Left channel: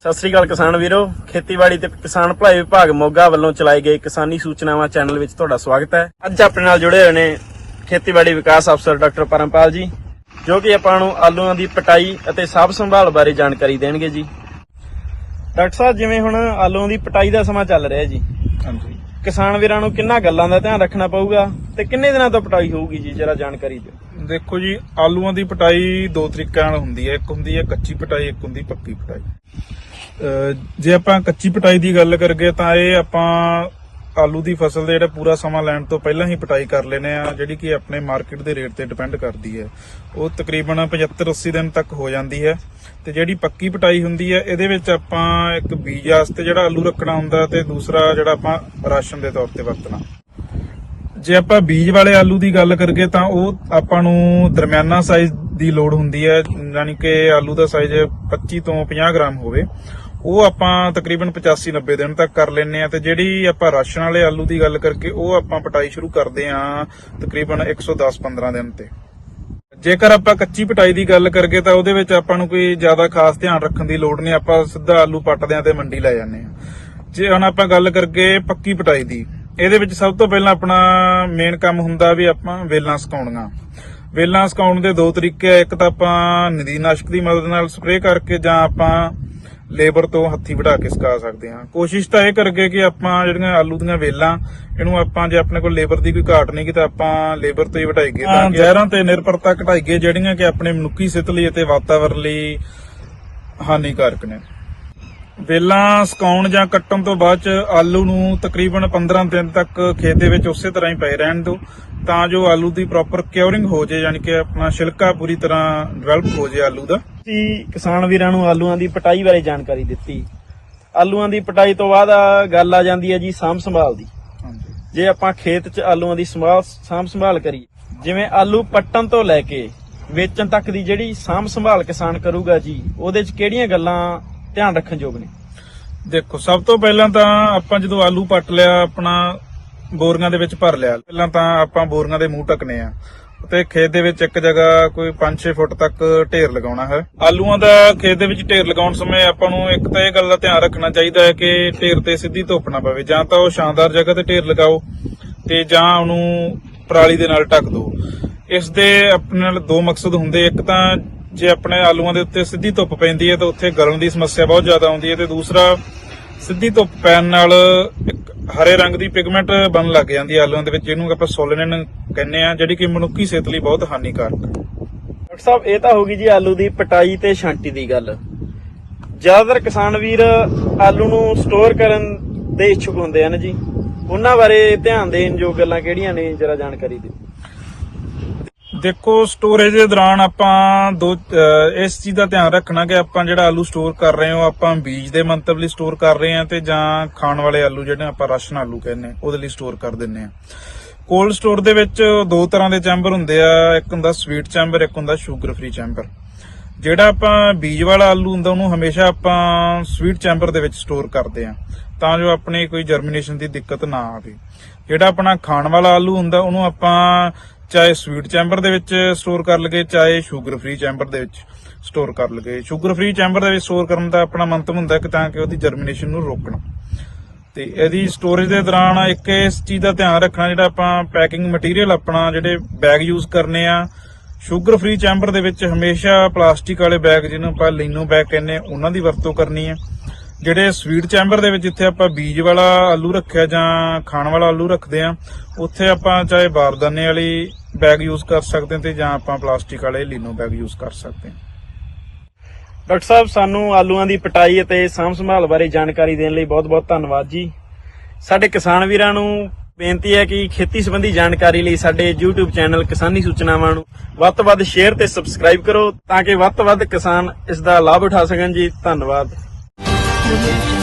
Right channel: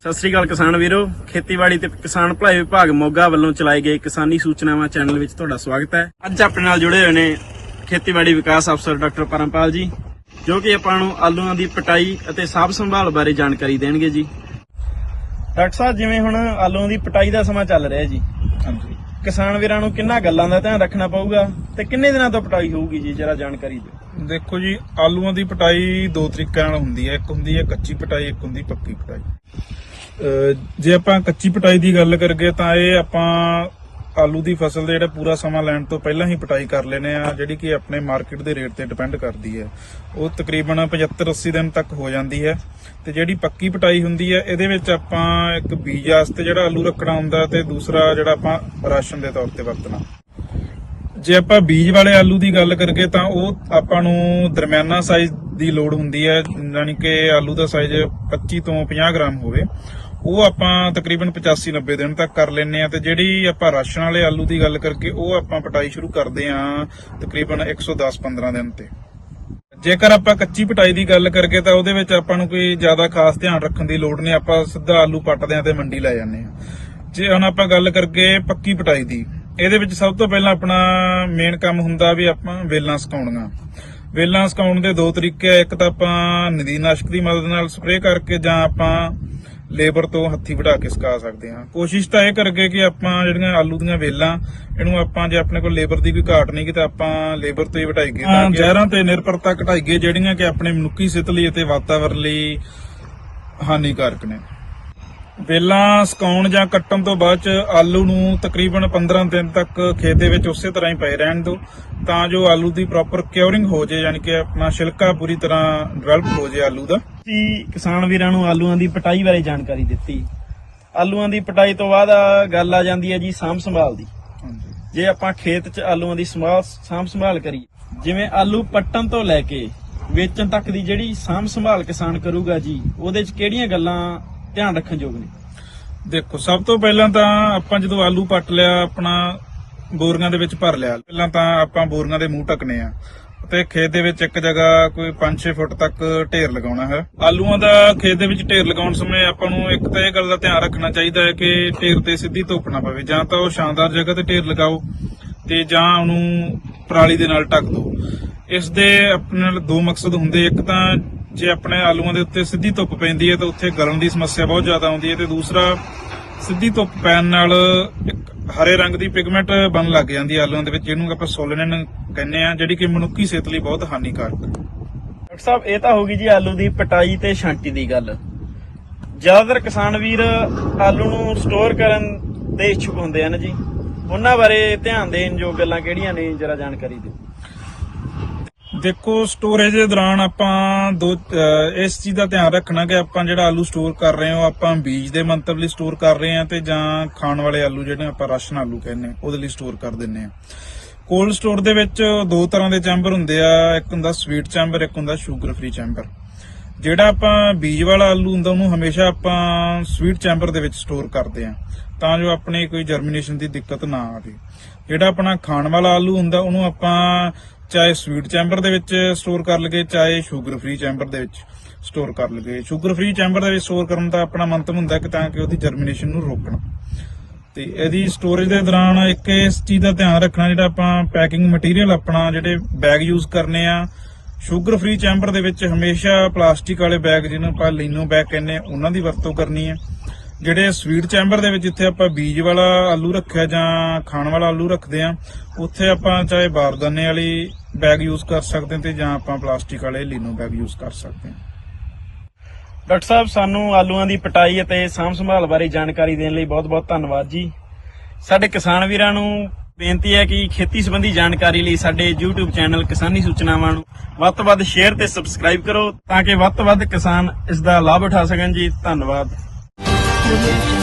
ਸਤਿ ਸ੍ਰੀ ਅਕਾਲ ਕਿਸਾਨ ਵੀਰੋ, ਖੇਤੀਬਾੜੀ ਤੇ ਕਿਸਾਨ ਭਲਾਈ ਵਿਭਾਗ ਮੋਗਾ ਵੱਲੋਂ ਚਲਾਈ ਗਏ ਕਿਸਾਨੀ ਸੂਚਨਾਵਾਂ ਚੈਨਲ ਵਿੱਚ ਤੁਹਾਡਾ ਸਵਾਗਤ ਹੈ। ਅੱਜ ਆਪਣੇ ਨਾਲ ਜੁੜੇ ਹੋਏ ਨੇ ਖੇਤੀਬਾੜੀ ਵਿਕਾਸ ਅਫਸਰ ਡਾਕਟਰ ਪਰਮਪਾਲ ਜੀ, ਜੋ ਕਿ ਆਪਾਂ ਨੂੰ ਆਲੂਆਂ ਦੀ ਪਟਾਈ ਅਤੇ ਸਾਫ਼ ਸੰਭਾਲ ਬਾਰੇ ਜਾਣਕਾਰੀ ਦੇਣਗੇ ਜੀ। ਡਾਕਟਰ ਸਾਹਿਬ, ਜਿਵੇਂ ਹੁਣ ਆਲੂਆਂ ਦੀ ਪਟਾਈ ਦਾ ਸਮਾਂ ਚੱਲ ਰਿਹਾ ਜੀ ਹਾਂਜੀ। ਕਿਸਾਨ ਵੀਰਾਂ ਨੂੰ ਕਿੰਨਾ ਗੱਲਾਂ ਦਾ ਧਿਆਨ ਰੱਖਣਾ ਪਊਗਾ ਤੇ ਕਿੰਨੇ ਦਿਨਾਂ ਤੋਂ ਪਟਾਈ ਹੋਊਗੀ ਜੀ ਜਰਾ ਜਾਣਕਾਰੀ ਦਿਓ। ਦੇਖੋ ਜੀ ਆਲੂਆਂ ਦੀ ਪਟਾਈ ਦੋ ਤਰੀਕਿਆਂ ਨਾਲ ਹੁੰਦੀ ਹੈ। ਇੱਕ ਹੁੰਦੀ ਹੈ ਕੱਚੀ ਪਟਾਈ ਇੱਕ ਹੁੰਦੀ ਪੱਕੀ ਪਟਾਈ। ਜੇ ਆਪਾਂ ਕੱਚੀ ਪਟਾਈ ਦੀ ਗੱਲ ਕਰਗੇ ਤਾਂ ਇਹ ਆਪਾਂ ਆਲੂ ਦੀ ਫਸਲ ਦੇ ਜਿਹੜਾ ਪੂਰਾ ਸਮਾਂ ਲੈਣ ਤੋਂ ਪਹਿਲਾਂ ਹੀ ਪਟਾਈ ਕਰ ਲੈਨੇ ਆ, ਜਿਹੜੀ ਕਿ ਆਪਣੇ ਮਾਰਕੀਟ ਦੇ ਰੇਟ ਤੇ ਡਿਪੈਂਡ ਕਰਦੀ ਹੈ। ਉਹ ਤਕਰੀਬਨ 75 80 ਦਿਨ ਤੱਕ ਹੋ ਜਾਂਦੀ ਹੈ ਤੇ ਜਿਹੜੀ ਪੱਕੀ ਪਟਾਈ ਹੁੰਦੀ ਹੈ, ਇਹਦੇ ਵਿੱਚ ਆਪਾਂ ਇੱਕ ਬੀਜ ਵਾਸਤੇ ਜਿਹੜਾ ਆਲੂ ਰੱਖਣਾ ਹੁੰਦਾ ਤੇ ਦੂਸਰਾ ਜਿਹੜਾ ਆਪਾਂ ਰਾਸ਼ਨ ਦੇ ਤੌਰ ਤੇ ਵਰਤਣਾ। ਜੇ ਆਪਾਂ ਬੀਜ ਵਾਲੇ ਆਲੂ ਦੀ ਗੱਲ ਕਰਗੇ ਤਾਂ ਉਹ ਆਪਾਂ ਨੂੰ ਦਰਮਿਆਨਾ ਸਾਈਜ਼ ਦੀ ਲੋੜ ਹੁੰਦੀ ਹੈ, ਯਾਨੀ ਕਿ ਆਲੂ ਦਾ ਸਾਈਜ਼ 25 ਤੋਂ 50 ਗ੍ਰਾਮ ਹੋਵੇ। ਉਹ ਆਪਾਂ ਤਕਰੀਬਨ 85 90 ਦਿਨ ਤੱਕ ਕਰ ਲੈਨੇ ਆ ਤੇ ਜਿਹੜੀ ਆਪਾਂ ਰਾਸ਼ਨ ਵਾਲੇ ਆਲੂ ਦੀ ਗੱਲ ਕਰਕੇ ਉਹ ਆਪਾਂ ਪਟਾਈ ਸ਼ੁਰੂ ਕਰਦੇ ਆ ਤਕਰੀਬਨ 110 15 ਦਿਨ ਤੇ। ਜੇਕਰ ਆਪਾਂ ਕੱਚੀ ਪਟਾਈ ਦੀ ਗੱਲ ਕਰਗੇ ਤਾਂ ਉਹਦੇ ਵਿੱਚ ਆਪਾਂ ਨੂੰ ਕੋਈ ਜ਼ਿਆਦਾ ਖਾਸ ਧਿਆਨ ਰੱਖਣ ਦੀ ਲੋੜ ਨਹੀਂ, ਆਪਾਂ ਸਿੱਧਾ ਆਲੂ ਪੱਟਦੇ ਆ ਤੇ ਮੰਡੀ ਲੈ ਜਾਂਦੇ ਆ ਜੇ ਹੁਣ ਆਪਾਂ ਗੱਲ ਕਰਕੇ ਪੱਕੀ ਪਟਾਈ ਦੀ, ਇਹਦੇ ਵਿੱਚ ਸਭ ਤੋਂ ਪਹਿਲਾਂ ਆਪਣਾ ਮੇਨ ਕੰਮ ਹੁੰਦਾ ਵੀ ਆਪਾਂ ਵੇਲਾਂ ਸੁਕਾਉਣੀਆਂ। ਵੇਲਾਂ ਸੁਕਾਉਣ ਦੇ ਦੋ ਤਰੀਕੇ ਆ, ਇੱਕ ਤਾਂ ਆਪਾਂ ਨਦੀਨਾਸ਼ਕ ਦੀ ਮਦਦ ਨਾਲ ਸਪਰੇਅ ਕਰਕੇ ਜਾਂ ਆਪਾਂ ਲੇਬਰ ਤੋਂ ਹੱਥੀ ਵਢਾ ਕੇ ਸੁਕਾ ਸਕਦੇ ਹਾਂ। ਕੋਸ਼ਿਸ਼ ਤਾਂ ਇਹ ਕਰਗੇ ਕਿ ਆਪਾਂ ਜਿਹੜੀਆਂ ਆਲੂ ਦੀਆਂ ਵੇਲਾਂ ਇਹਨੂੰ ਆਪਾਂ ਜੇ ਆਪਣੇ ਕੋਲ ਲੇਬਰ ਦੀ ਕੋਈ ਘਾਟ ਨਹੀਂ ਕਿ ਤਾਂ ਆਪਾਂ ਲੇਬਰ ਤੋਂ ਹੀ ਵਢਾਈਏ ਤਾਂ ਜ਼ਹਿਰਾਂ ਤੇ ਨਿਰਭਰਤਾ ਘਟਾਈਏ ਜਿਹੜੀਆਂ ਕਿ ਆਪਣੇ ਮਨੁੱਖੀ ਸਿਹਤ ਲਈ ਅਤੇ ਵਾਤਾਵਰਣ ਲਈ ਹਾਨੀਕਾਰਕ ਨੇ। ਵੇਲਾਂ ਸੁਕਾਉਣ ਜਾਂ ਕੱਟਣ ਤੋਂ ਬਾਅਦ ਚ ਆਲੂ ਨੂੰ ਤਕਰੀਬਨ 15 ਦਿਨ ਤੱਕ ਖੇਤ ਦੇ ਵਿੱਚ ਉਸੇ ਤਰ੍ਹਾਂ ਹੀ ਪਏ ਰਹਿਣ ਦਿਓ ਤਾਂ ਜੋ ਆਲੂ ਦੀ ਪ੍ਰੋਪਰ ਕਿਉਰਿੰਗ ਹੋ ਜੇ ਯਾਨੀ ਕਿ ਆਪਣਾ ਛਿਲਕਾ ਪੂਰੀ ਤਰ੍ਹਾਂ ਡਿਵੈਲਪ ਹੋ ਜੇ ਆਲੂ ਦਾ। ਤੁਸੀਂ ਕਿਸਾਨ ਵੀਰਾਂ ਨੂੰ ਆਲੂਆਂ ਦੀ ਪਟਾਈ ਬਾਰੇ ਜਾਣਕਾਰੀ ਦਿੱਤੀ। ਆਲੂਆਂ ਦੀ ਪਟਾਈ ਤੋਂ ਬਾਅਦ ਆ ਗੱਲ ਆ ਜਾਂਦੀ ਹੈ ਜੀ ਸਾਂਭ ਸੰਭਾਲ ਦੀ। ਜੇ ਆਪਾਂ ਖੇਤ 'ਚ ਆਲੂਆਂ ਦੀ ਸੰਭਾਲ ਸਾਂਭ ਸੰਭਾਲ ਕਰੀਏ ਜਿਵੇਂ ਆਲੂ ਪੱਟਣ ਤੋਂ ਲੈ ਕੇ ਵੇਚਣ ਤੱਕ ਦੀ ਜਿਹੜੀ ਸਾਂਭ ਸੰਭਾਲ ਕਿਸਾਨ ਕਰੂਗਾ ਜੀ ਉਹਦੇ 'ਚ ਕਿਹੜੀਆਂ ਗੱਲਾਂ ਧਿਆਨ ਰੱਖਣ ਯੋਗ ਨੇ? ਦੇਖੋ ਸਭ ਤੋਂ ਪਹਿਲਾਂ ਤਾਂ ਆਪਾਂ ਜਦੋਂ ਆਲੂ ਪੱਟ ਲਿਆ ਆਪਣਾ ਬੋਰੀਆਂ ਦੇ ਵਿੱਚ ਭਰ ਲਿਆ ਪਹਿਲਾਂ ਤਾਂ ਆਪਾਂ ਬੋਰੀਆਂ ਦੇ ਮੂੰਹ ਢੱਕਨੇ ਆ। ਤੇ ਖੇਤ ਦੇ ਵਿੱਚ ਇੱਕ ਜਗ੍ਹਾ ਕੋਈ 5-6 ਫੁੱਟ ਤੱਕ ਢੇਰ ਲਗਾਉਣਾ ਹੈ। ਆਲੂਆਂ ਦਾ ਖੇਤ ਦੇ ਵਿੱਚ ਢੇਰ ਲਗਾਉਣ ਸਮੇਂ ਆਪਾਂ ਨੂੰ ਇੱਕ ਤਾਂ ਇਹ ਗੱਲ ਦਾ ਧਿਆਨ ਰੱਖਣਾ ਚਾਹੀਦਾ ਹੈ ਕਿ ਢੇਰ ਤੇ ਸਿੱਧੀ ਧੁੱਪ ਨਾ ਪਵੇ। ਜਾਂ ਤਾਂ ਉਹ ਸ਼ਾਨਦਾਰ ਜਗ੍ਹਾ ਤੇ ਢੇਰ ਲਗਾਓ ਤੇ ਜਾਂ ਉਹਨੂੰ ਪਰਾਲੀ ਦੇ ਨਾਲ ਢੱਕ ਦਿਓ। ਇਸ ਦੇ ਆਪਣੇ ਨਾਲ ਦੋ ਮਕਸਦ ਹੁੰਦੇ। ਇੱਕ ਤਾਂ ਜੇ ਆਪਣੇ ਆਲੂਆਂ ਦੇ ਉੱਤੇ ਸਿੱਧੀ ਧੁੱਪ ਪੈਂਦੀ ਹੈ ਤਾਂ ਉੱਥੇ ਗਲਣ ਦੀ ਸਮੱਸਿਆ ਬਹੁਤ ਜ਼ਿਆਦਾ ਆਉਂਦੀ ਹੈ ਤੇ ਦੂਸਰਾ ਸਿੱਧੀ ਧੁੱਪ ਪੈਣ ਨਾਲ ਇੱਕ ਹਰੇ ਰੰਗ ਦੀ ਪਿਗਮੈਂਟ ਬਣਨ ਲੱਗ ਜਾਂਦੀ ਹੈ ਆਲੂਆਂ ਦੇ ਵਿੱਚ, ਜਿਹਨੂੰ ਆਪਾਂ ਸੋਲੇਨਨ ਕਹਿੰਦੇ ਆ ਜਿਹੜੀ ਕਿ ਮਨੁੱਖੀ ਸਿਹਤ ਲਈ ਬਹੁਤ ਹਾਨੀਕਾਰਕ। ਹੈ ਡਾਕਟਰ ਸਾਹਿਬ, ਇਹ ਤਾਂ ਹੋ ਗਈ ਜੀ ਆਲੂ ਦੀ ਪਟਾਈ ਤੇ ਛਾਂਟੀ ਦੀ ਗੱਲ। ਜ਼ਿਆਦਾਤਰ ਕਿਸਾਨ ਵੀਰ ਆਲੂ ਨੂੰ ਸਟੋਰ ਕਰਨ ਦੇ ਇੱਛੁਕ ਹੁੰਦੇ ਹਨ ਜੀ। ਉਹਨਾਂ ਬਾਰੇ ਧਿਆਨ ਦੇਣ ਜੋ ਗੱਲਾਂ ਕਿਹੜੀਆਂ ਨੇ, ਜਰਾ ਜਾਣਕਾਰੀ ਦਿਓ। ਦੇਖੋ ਸਟੋਰੇਜ ਦੇ ਦੌਰਾਨ ਆਪਾਂ ਦੋ ਇਸ ਚੀਜ਼ ਦਾ ਧਿਆਨ ਰੱਖਣਾ ਕਿ ਆਪਾਂ ਜਿਹੜਾ ਆਲੂ ਸਟੋਰ ਕਰ ਰਹੇ ਹਾਂ, ਉਹ ਆਪਾਂ ਬੀਜ ਦੇ ਮੰਤਵ ਲਈ ਸਟੋਰ ਕਰ ਰਹੇ ਹਾਂ ਤੇ ਜਾਂ ਖਾਣ ਵਾਲੇ ਆਲੂ ਜਿਹੜੇ ਆਪਾਂ ਰਾਸ਼ਨ ਆਲੂ ਕਹਿੰਦੇ ਉਹਦੇ ਲਈ ਸਟੋਰ ਕਰ ਦਿੰਨੇ ਆ ਕੋਲਡ ਸਟੋਰ ਦੇ ਵਿੱਚ ਦੋ ਤਰ੍ਹਾਂ ਦੇ ਚੈਂਬਰ ਹੁੰਦੇ ਆ, ਇੱਕ ਹੁੰਦਾ ਸਵੀਟ ਚੈਂਬਰ ਇੱਕ ਹੁੰਦਾ ਸ਼ੂਗਰ ਫ੍ਰੀ ਚੈਂਬਰ ਜਿਹੜਾ ਆਪਾਂ ਬੀਜ ਵਾਲਾ ਆਲੂ ਹੁੰਦਾ, ਉਹਨੂੰ ਹਮੇਸ਼ਾ ਆਪਾਂ ਸਵੀਟ ਚੈਂਬਰ ਦੇ ਵਿੱਚ ਸਟੋਰ ਕਰਦੇ ਆ ਤਾਂ ਜੋ ਆਪਣੇ ਕੋਈ ਜਰਮੀਨੇਸ਼ਨ ਦੀ ਦਿੱਕਤ ਨਾ ਆਵੇ। ਜਿਹੜਾ ਆਪਣਾ ਖਾਣ ਵਾਲਾ ਆਲੂ ਹੁੰਦਾ, ਉਹਨੂੰ ਆਪਾਂ ਚਾਹੇ ਸਵੀਟ ਚੈਂਬਰ ਦੇ ਵਿੱਚ ਸਟੋਰ ਕਰ ਲਗੇ ਚਾਹੇ ਸ਼ੂਗਰ ਫ੍ਰੀ ਚੈਂਬਰ ਦੇ ਵਿੱਚ ਸਟੋਰ ਕਰ ਲਗੇ ਸ਼ੂਗਰ ਫ੍ਰੀ ਚੈਂਬਰ ਦੇ ਵਿੱਚ ਸਟੋਰ ਕਰਨ ਦਾ ਆਪਣਾ ਮੰਤਵ ਹੁੰਦਾ ਕਿ ਤਾਂ ਕਿ ਉਹਦੀ ਜਰਮੀਨੇਸ਼ਨ ਨੂੰ ਰੋਕਣ। ਤੇ ਇਹਦੀ ਸਟੋਰੇਜ ਦੇ ਦੌਰਾਨ ਇੱਕ ਇਸ ਚੀਜ਼ ਦਾ ਧਿਆਨ ਰੱਖਣਾ, ਜਿਹੜਾ ਆਪਾਂ ਪੈਕਿੰਗ ਮਟੀਰੀਅਲ ਆਪਣਾ ਜਿਹੜੇ ਬੈਗ ਯੂਜ਼ ਕਰਨੇ ਆ ਸ਼ੂਗਰ ਫ੍ਰੀ ਚੈਂਬਰ ਦੇ ਵਿੱਚ ਹਮੇਸ਼ਾ ਪਲਾਸਟਿਕ ਵਾਲੇ ਬੈਗ ਜਿਹਨੂੰ ਆਪਾਂ ਲੀਨੋ ਬੈਗ ਕਹਿੰਦੇ ਉਹਨਾਂ ਦੀ ਵਰਤੋਂ ਕਰਨੀ ਹੈ ਜਿਹੜੇ ਸਵੀਟ ਚੈਂਬਰ ਦੇ ਵਿੱਚ ਜਿੱਥੇ ਆਪਾਂ ਬੀਜ ਵਾਲਾ ਆਲੂ ਰੱਖਿਆ ਜਾਂ ਖਾਣ ਵਾਲਾ ਆਲੂ ਰੱਖਦੇ ਆ ਉੱਥੇ ਆਪਾਂ ਚਾਹੇ ਬਾਰਦਾਨੇ ਵਾਲੀ ਬੈਗ ਯੂਜ਼ ਕਰ ਸਕਦੇ ਹਾਂ ਤੇ ਜਾਂ ਆਪਾਂ ਪਲਾਸਟਿਕ ਵਾਲੇ ਲੀਨੋ ਬੈਗ ਯੂਜ਼ ਕਰ ਸਕਦੇ ਹਾਂ। ਡਾਕਟਰ ਸਾਹਿਬ, ਸਾਨੂੰ ਆਲੂਆਂ ਦੀ ਪਟਾਈ ਅਤੇ ਸਾਂਭ ਸੰਭਾਲ ਬਾਰੇ ਜਾਣਕਾਰੀ ਦੇਣ ਲਈ ਬਹੁਤ-ਬਹੁਤ ਧੰਨਵਾਦ ਜੀ। ਸਾਡੇ ਕਿਸਾਨ ਵੀਰਾਂ ਨੂੰ ਬੇਨਤੀ ਹੈ ਕਿ ਖੇਤੀ ਸੰਬੰਧੀ ਜਾਣਕਾਰੀ ਲਈ ਸਾਡੇ YouTube ਚੈਨਲ ਕਿਸਾਨੀ ਸੂਚਨਾਵਾਂ ਨੂੰ ਵੱਧ ਤੋਂ ਵੱਧ ਸ਼ੇਅਰ ਤੇ ਸਬਸਕ੍ਰਾਈਬ ਕਰੋ ਤਾਂ ਕਿ ਵੱਧ ਤੋਂ ਵੱਧ ਕਿਸਾਨ ਇਸ ਦਾ ਲਾਭ ਉਠਾ ਸਕਣ ਜੀ। ਧੰਨਵਾਦ। Música